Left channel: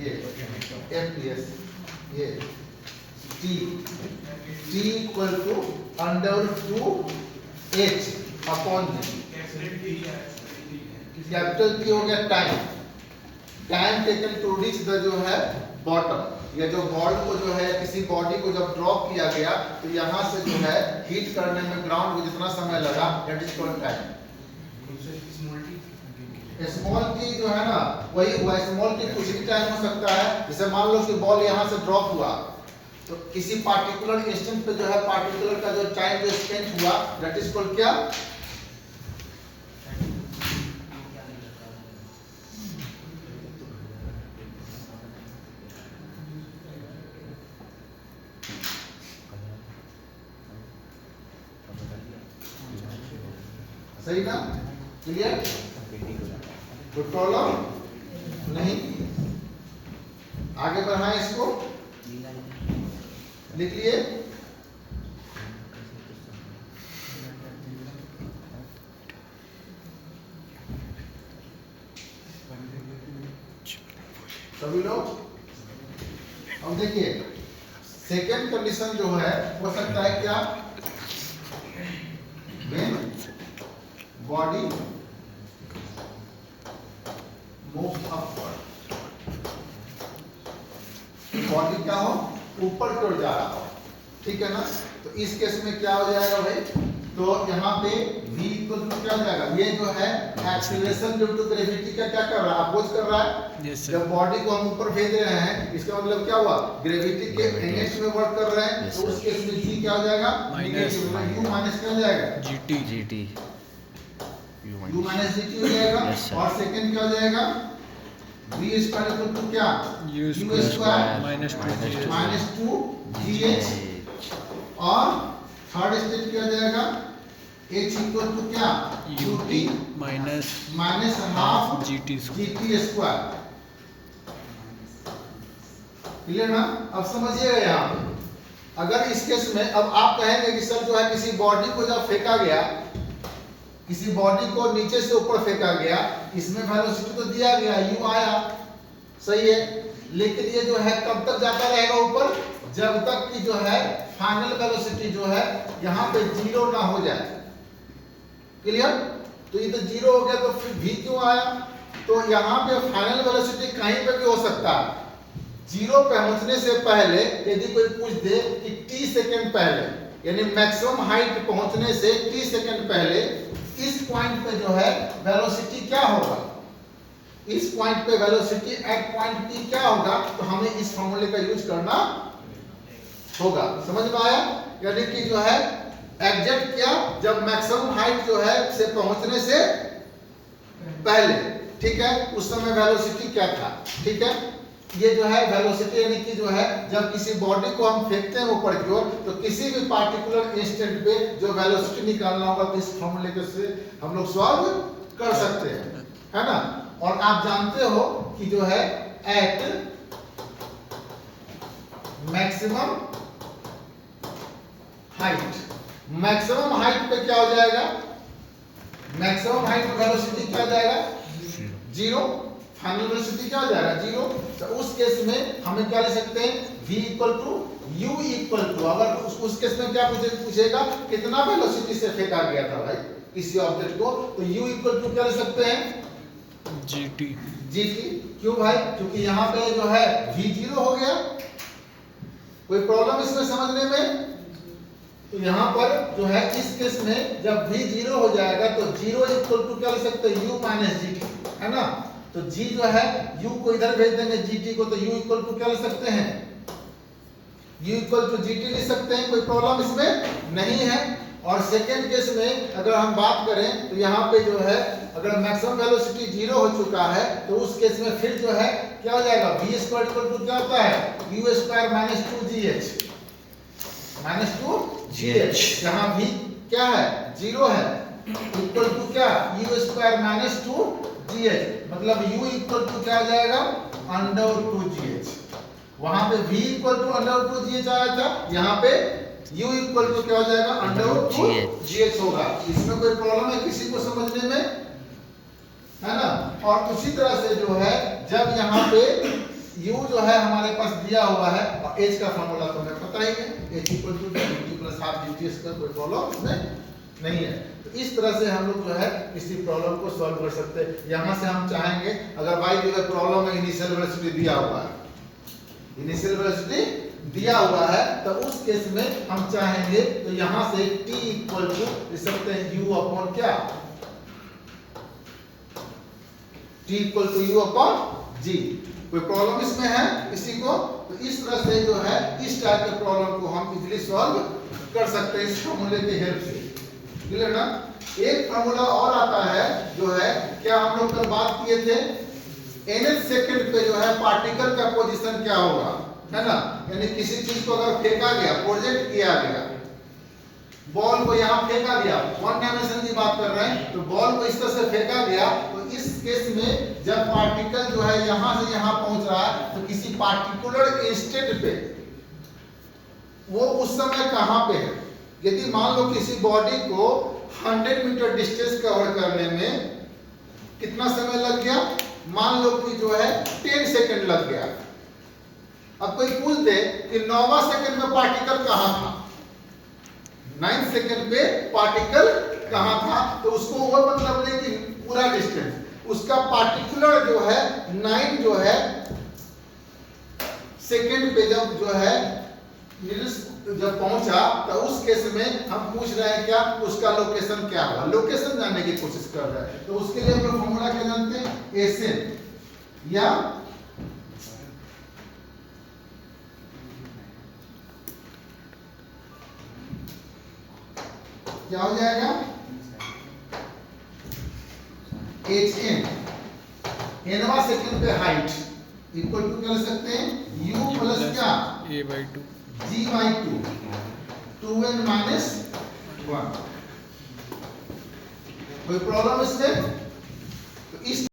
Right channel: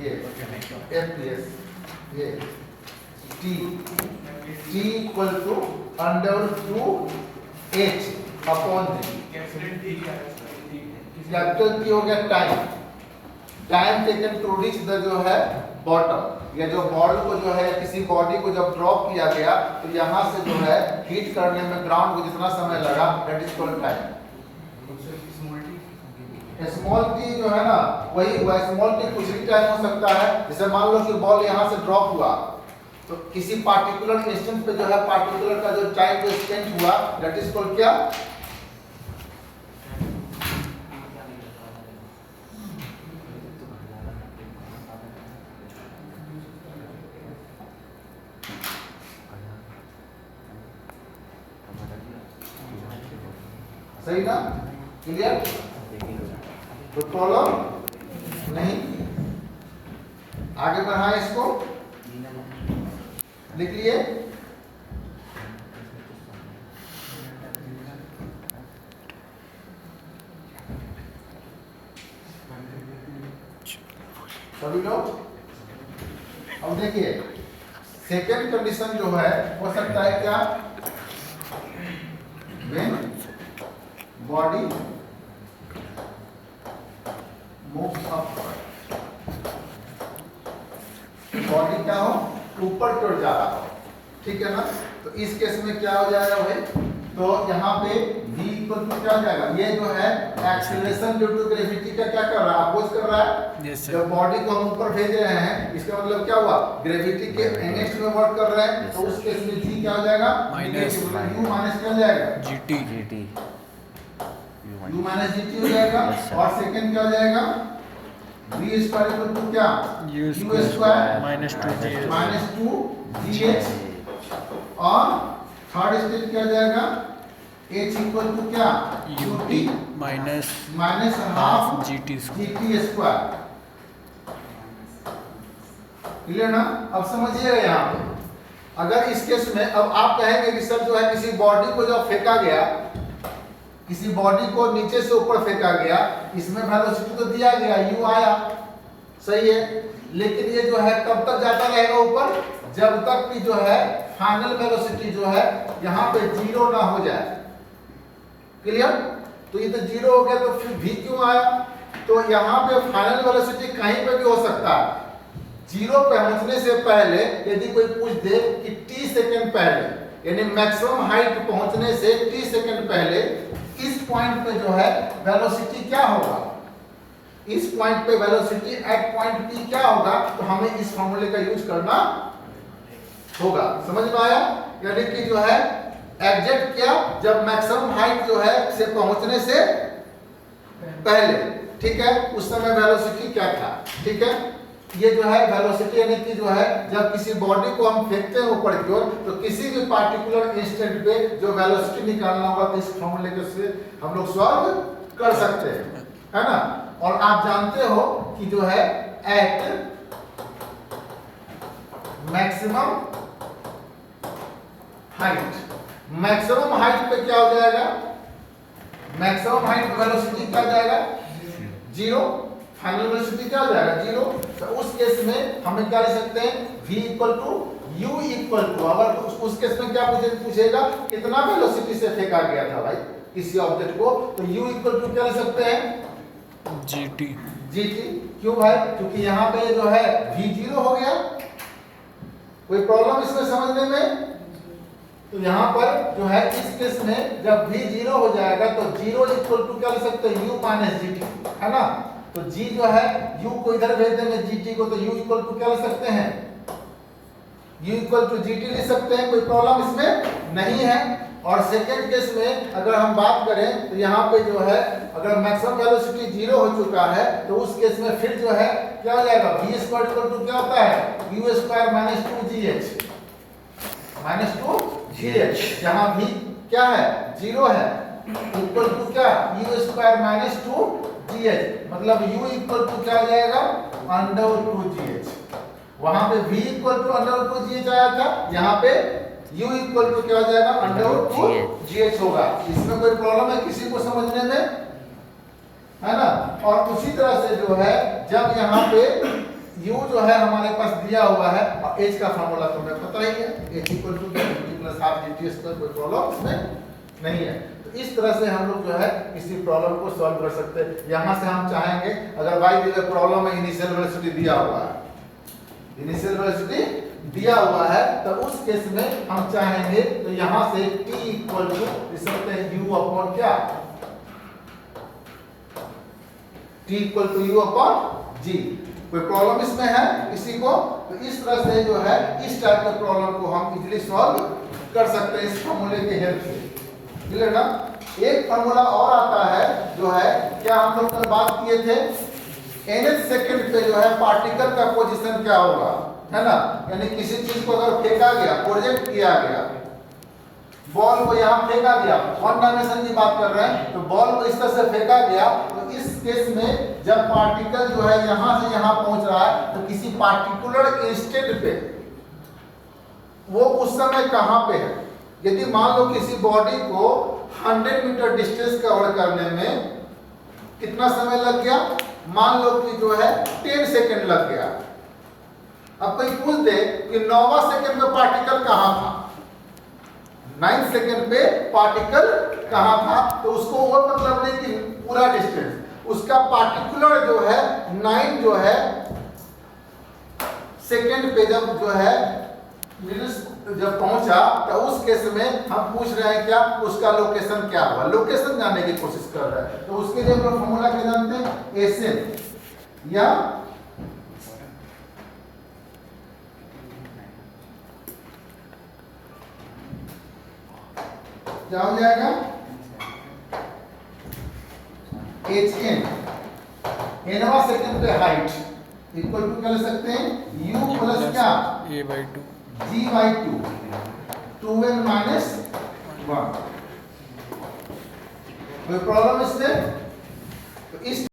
ये FPS ये T equal to √2H upon G। Capital T हो गया time taken to reach the जो है बॉटम, या जो बॉल को जो है किसी बॉडी को जब ड्रॉप किया गया तो यहाँ से जो है हिट करने में ग्राउंड को जितना समय लगा that is called time. Small की जो है ना वही स्मॉल की कुछ भी टाइम हो सकता है। जैसे मान लो कि बॉल यहाँ से ड्रॉप हुआ तो किसी पार्टिकुलर इंस्टेंट पे जो है पार्टिकुलर का जो टाइम जो स्पेंड हुआ दैट इज कॉल्ड क्या, सही ना, क्लियर। तो प्रॉब्लम नहीं, आगे बढ़ाएं इसको, लिख लिए। सभी लोग अब देखिए सेकेंड कंडीशन जो है हो सकता है क्या, when body moves upward, body क्या हो ऊपर की ओर जा रहा हो, ठीक है ना। तो इस केस में क्या हो जाएगा भाई, तो यहाँ पे v इक्वल टू क्या हो जाएगा, ये जो है एक्सीलरेशन ड्यू टू ग्रेविटी का क्या कर रहा है, अपोज कर रहा है। जब बॉडी को हम ऊपर भेज रहे हैं इसका मतलब क्या हुआ, ग्रेविटी के अगेंस्ट में वर्क कर रहे हैं, तो उस केस में g क्या हो जाएगा, u माइनस क्या हो जाएगा, gt u माइनस gt हो जाएगा। और सेकंड क्या हो जाएगा, v स्क्वायर इक्वल टू क्या, u स्क्वायर माइनस 2gh। और थर्ड स्टेट क्या हो जाएगा, h इक्वल टू क्या, ut minus half gt square. Clear ना। अब समझिएगा यहाँ पे अगर इस केस में अब आप कहेंगे कि सर जो है किसी बॉडी को जब फेंका गया, किसी बॉडी को नीचे से ऊपर फेंका गया, इसमें वेलोसिटी तो दिया गया u आया, सही है, लेकिन ये जो है कब तक जाता रहेगा ऊपर, जब तक कि जो है फाइनल वेलोसिटी जो है यहाँ पे जीरो ना हो जाए। क्लियर। तो ये तो जीरो हो गया तो फिर v क्यों आया, तो यहाँ पे फाइनल वेलोसिटी कहीं पे भी हो सकता है। जीरो पहुंचने से पहले यदि कोई पूछ दे कि t सेकंड पहले, यानी मैक्सिमम हाइट पहुंचने से t सेकंड पहले इस पॉइंट पे जो है वेलोसिटी क्या होगा, इस पॉइंट पे वेलोसिटी एट पॉइंट p क्या होगा, तो हमें इस फॉर्मूले का यूज करना होगा। समझ में आया, यानी कि जो है एग्जैक्ट क्या, जब मैक्सिमम हाइट जो है से पहुंचने से पहले, ठीक है, उस समय वेलोसिटी क्या था, ठीक है। ये जो है वेलोसिटी यानी कि जो है जब किसी बॉडी को हम फेंकते हैं ऊपर की ओर तो किसी भी पार्टिकुलर इंस्टेंट पे जो वेलोसिटी निकालना होगा तो इस फॉर्मूले के से हम लोग सॉल्व कर सकते हैं, है ना। और आप जानते हो कि जो है at maximum height, maximum height पे क्या हो जाएगा, मैक्सिमम हाइट पे वेलोसिटी क्या जाएगा, जीरो, फाइनल वेलोसिटी क्या हो जाएगा, जीरो। तो उस केस में हमें क्या लिख सकते हैं, v equal to u equal to, अगर उस केस में क्या पूछेगा कितना वेलोसिटी से फेंका गया था भाई किसी ऑब्जेक्ट को, तो u इक्वल टू क्या लिख सकते हैं, gt। क्यों भाई, क्योंकि यहाँ पे जो है v जीरो हो गया। कोई प्रॉब्लम इसमें समझने में, तो यहाँ पर जो है इस केस में जब v जीरो हो जाएगा तो जीरो इक्वल टू क्या लिख सकते हैं, u माइनस gt, है ना। तो g जो है u को इधर भेज देंगे gt को, तो u इक्वल टू क्या लिख सकते हैं, u इक्वल टू gt लिख सकते हैं, कोई प्रॉब्लम इसमें नहीं है। और सेकेंड केस में अगर हम बात करें तो यहाँ पे जो है अगर मैक्सिमम वेलोसिटी जीरो हो चुका है तो उस केस में फिर जो है क्या हो जाएगा, v स्क्वायर इक्वल टू क्या होता है, u स्क्वायर माइनस 2gh, जहाँ v क्या है, जीरो है, इक्वल टू क्या, u स्क्वायर माइनस 2gh, मतलब u इक्वल टू क्या आ जाएगा, √2gh। वहां पे v इक्वल टू √2gh आया था, यहाँ पे u इक्वल टू क्या हो जाएगा, √2gh होगा। इसमें कोई प्रॉब्लम है किसी को समझने में, है ना। और उसी तरह से जो है जब यहाँ पे u जो है हमारे पास दिया हुआ है और h का फार्मूला तो हमें पता ही है, h equal to dt plus half dt square, कोई प्रॉब्लम इसमें नहीं है। तो इस तरह से हम लोग जो है किसी प्रॉब्लम को सॉल्व कर सकते हैं। यहाँ से हम चाहेंगे अगर y की प्रॉब्लम में इनिशियल वेलोसिटी दिया हुआ है, इनिशियल वेलोसिटी दिया हुआ है, तो उस केस में हम चाहेंगे तो यहाँ से t इक्वल टू लिख सकते हैं u अपॉन क्या, t equal to u upon g। कोई प्रॉब्लम इसमें है किसी को, तो इस तरह से जो है इस टाइप के प्रॉब्लम को हम इजीली सॉल्व कर सकते हैं इस फार्मूले की हेल्प से। क्लियर ना। एक फार्मूला और आता है जो है, क्या हम लोग कल बात किए थे, nth सेकंड पे जो है पार्टिकल का पोजीशन क्या होगा, है ना। यानी किसी चीज को अगर फेंका गया, प्रोजेक्ट किया गया, बॉल को यहाँ फेंका गया, वन डायमेंशन की बात कर रहे हैं, तो बॉल को इस तरह से फेंका गया, तो इस केस में जब पार्टिकल जो है यहाँ से यहाँ पहुंच रहा है, तो किसी पार्टिकुलर इंस्टेंट पे वो उस समय कहाँ पे है। यदि मान लो किसी बॉडी को 100 मीटर डिस्टेंस कवर करने में कितना समय लग गया, मान लो कि जो है 10 सेकंड लग गया। अब कोई पूछ दे कि 9वां सेकंड में पार्टिकल कहाँ था, 9 सेकंड पे पार्टिकल कहाँ था, तो उसको वो मतलब नहीं कि पूरा डिस्टेंस, उसका पार्टिकुलर जो है 9 जो है सेकंड पे जब जो है जब पहुंचा, तो उस केस में हम पूछ रहे हैं क्या, उसका लोकेशन क्या हुआ, लोकेशन जानने की कोशिश कर रहे हैं। तो उसके लिए हम लोग फॉर्मूला क्या जानते हैं, एसएन या क्या हो जाएगा, एच एन, एनवा सेकंड पे हाइट इक्वल टू कर सकते हैं u प्लस क्या, a/2 g/2, 2n माइनस 1। कोई प्रॉब्लम इसमें, तो इस